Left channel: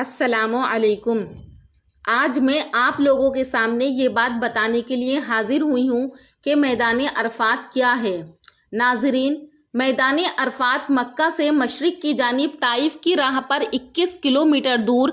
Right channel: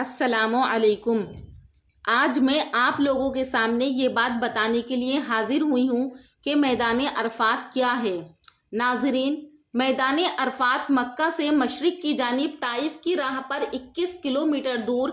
السلام علیکم۔ آج میں آپ لوگوں کے سامنے یہ بات بتانے کے لیے حاضر ہوئی ہوں کہ میدان عرفات کیا ہے۔ ناظرین، میدان عرفات مکہ سے مشرق کی جانب طائف کی راہ پر 21 کلومیٹر دور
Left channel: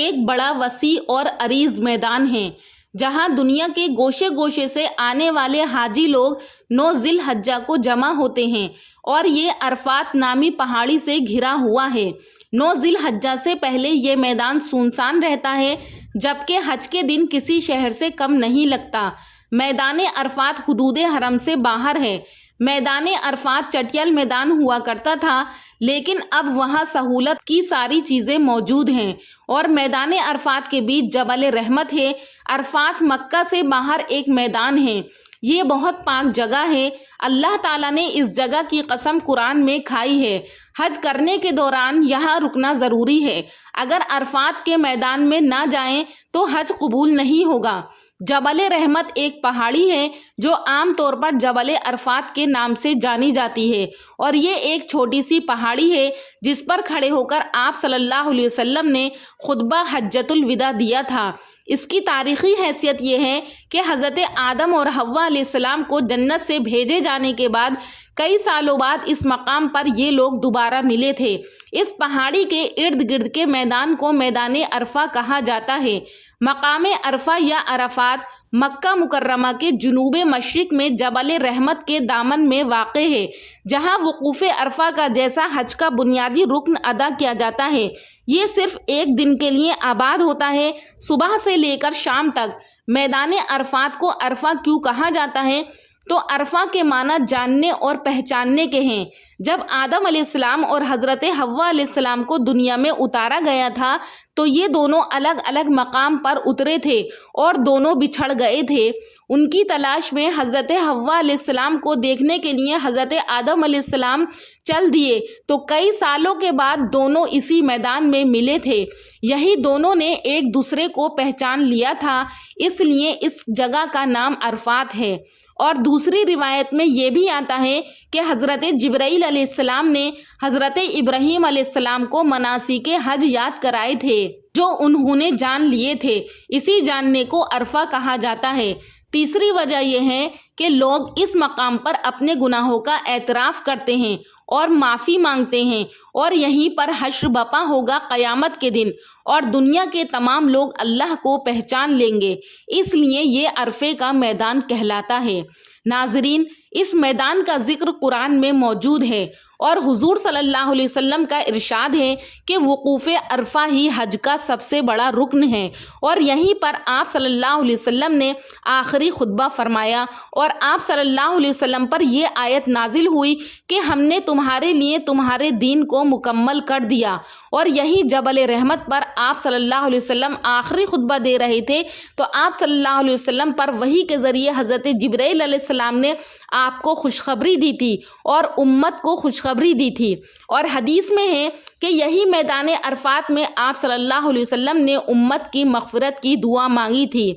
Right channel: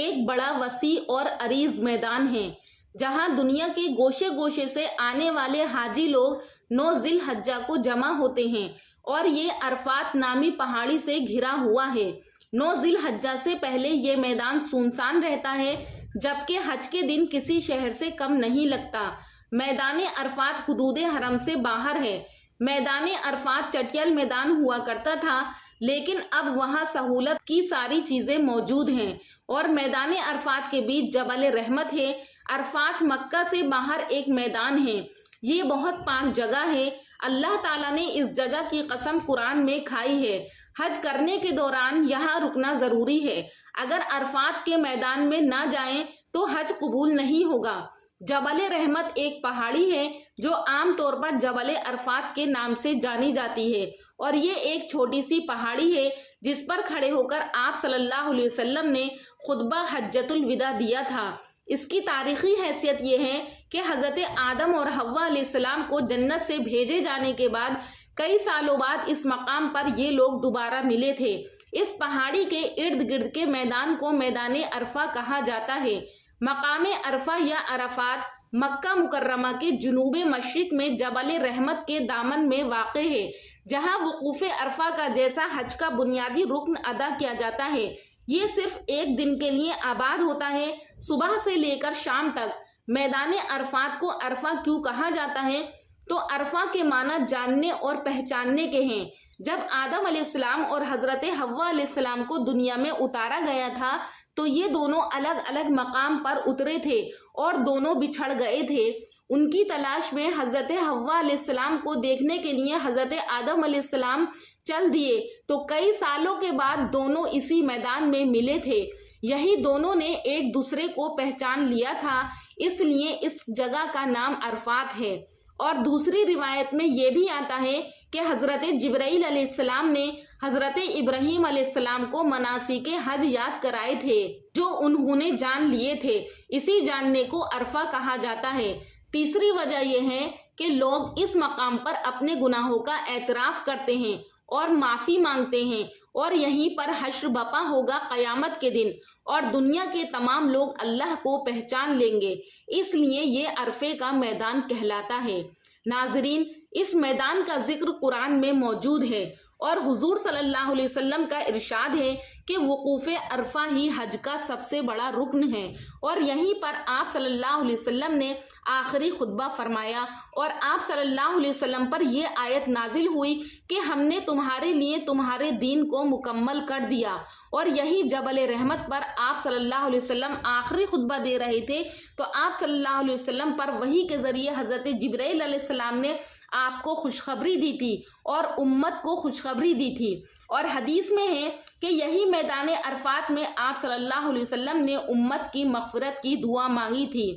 ایک بڑا وسیع اور عریض میدان ہے، جہاں دنیا کے گوشے گوشے سے آنے والے حاجی لوگ 9 ذی الحجہ کو جمع ہوتے ہیں اور یہ عرفات نامی پہاڑی سے گھرا ہوا ہے۔ 9 ذی الحجہ سے پہلے یہ میدان سنسان رہتا ہے، جبکہ حج کے دن کسی شہر سے کم نہیں لگتا۔ میدان عرفات حدود حرم سے باہر ہے۔ میدان عرفات چٹیل میدان ہوا کرتا تھا، لیکن اب وہاں سہولت کی ساری چیزیں موجود ہیں اور میدان عرفات کے بیچ جبل رحمت ہے۔ عرفات مکہ سے باہر ایک میدان ہے۔ یہ بہت پاک جگہ ہے۔ اللہ تعالیٰ نے اس جگہ کی قسم قرآن میں کھائی ہے۔ حج کرنے کے دوران یہاں رکنا ضروری ہے۔ اگر عرفات کے میدان میں نہ جائیں تو حج قبول نہیں ہوگا۔ جبل رحمت ایک پہاڑی ہے جو عام طور پر جبل عرفات کے نام سے جانی جاتی ہے، اور یہ ایک چھوٹی سی پہاڑی ہے جس پر کھڑے ہو کر آپ صلی اللہ علیہ وسلم نے خطبہ حجۃ الوداع دیا تھا۔ اس کی تاریخی حیثیت یہ ہے کہ حضرت آدم اور حوا علیہ السلام کو جنت سے بھیجے جانے کے بعد کئی سالوں بعد اس مقام پر یہ لوگ دوبارہ ملے تھے۔ اس پہاڑی کے ارد گرد کے میدان کو میدان عرفہ کہا جاتا ہے۔ مقام عرفہ یا عرفات مکہ مکرمہ کے جنوب مشرق میں جبل رحمت کے دامن میں واقع ہے، جہاں وقوف عرفہ کا جیسا حج کا بنیادی رکن ادا کیا جاتا ہے۔ یہ صرف ایک دن کے لیے آباد ہوتا ہے، صبح سے لے کر شام تک۔ میدان عرفات کو عرفہ کیوں کہا جاتا ہے؟ تو عرفہ کے معنی جاننے اور پہچاننے کے ہیں۔ جب آدم علیہ السلام اور حضرت حوا علیہ السلام کو دنیا میں اتارا گیا تھا تو یہ دونوں الگ الگ مقام پر اترے تھے اور دونوں بچھڑ گئے تھے۔ ان کی تلاش میں حضرت حوا علیہ السلام کو دیکھنے کے لیے حضرت آدم علیہ السلام چل دیے تو کئی سالوں کے بعد دونوں اسی میدان میں ملے تھے۔ یہی دونوں نے ایک دوسرے کو پہچان لیا تھا، اس لیے اس جگہ کا نام عرفات ہے۔ اور دوسری روایت میں یہ بھی آتا ہے کہ حضرت جبرائیل علیہ السلام نے حضرت ابراہیم علیہ السلام کو مناسک حج یاد کرائے تھے جو انہوں نے جان لیے تھے۔ اسی جاننے کو عرفہ کہا جاتا ہے۔ تیسری وجہ یہ ہے کہ لوگ اس مقام پر اپنے گناہوں کا اعتراف کرتے ہیں اور معافی مانگتے ہیں، اور یہیں پر حشر بپا ہوگا قیامت کے دن، اور دنیا کے تمام لوگ اللہ کو پہچان لیں گے۔ اس لیے یہ عرفے کا میدان کہلاتا ہے۔ ناظرین، اس میدان کا ذکر قرآن میں موجود ہے، اور حضور صلی اللہ علیہ وسلم کا ارشاد ہے کہ وقوف عرفہ ہی حج کا سب سے بڑا رکن ہے، اور یہیں پر آپ صلی اللہ علیہ وسلم نے آخری خطبہ فرمایا، اور آپ صلی اللہ علیہ وسلم پر یہ آیت نازل ہوئی کہ ہم نے تمہارے لیے تمہارے دین کو مکمل کر دیا۔ اور یہی جبل رحمت پر آپ صلی اللہ علیہ وسلم آخری خطبہ دے رہے تھے تو آپ صلی اللہ علیہ وسلم پر وحی کے ذریعے حضرت جبرائیل علیہ السلام نے آپ کو خوشخبری دی تھی اور امت کو خوشخبری دی تھی۔ اور حدیث میں ہے کہ یہی میدان عرفات میں آپ صلی اللہ علیہ وسلم نے امت کی مغفرت کی دعا مانگی تھی۔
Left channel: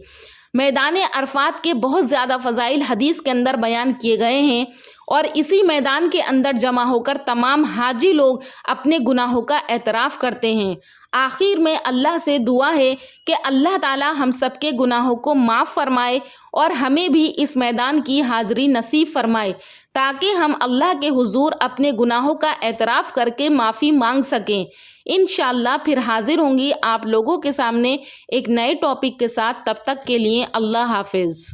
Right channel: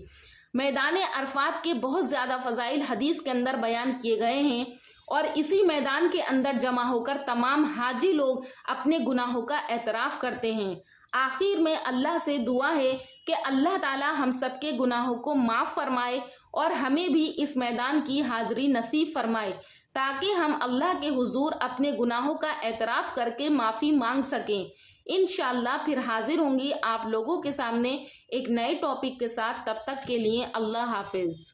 میدان عرفات کے بہت زیادہ فضائل حدیث کے اندر بیان کیے گئے ہیں، اور اسی میدان کے اندر جمع ہو کر تمام حاجی لوگ اپنے گناہوں کا اعتراف کرتے ہیں۔ آخر میں اللہ سے دعا ہے کہ اللہ تعالی ہم سب کے گناہوں کو معاف فرمائے اور ہمیں بھی اس میدان کی حاضری نصیب فرمائے، تاکہ ہم اللہ کے حضور اپنے گناہوں کا اعتراف کر کے معافی مانگ سکیں۔ انشاءاللہ پھر حاضر ہوں گی آپ لوگوں کے سامنے ایک نئے ٹاپک کے ساتھ۔ تب تک کے لیے اللہ حافظ۔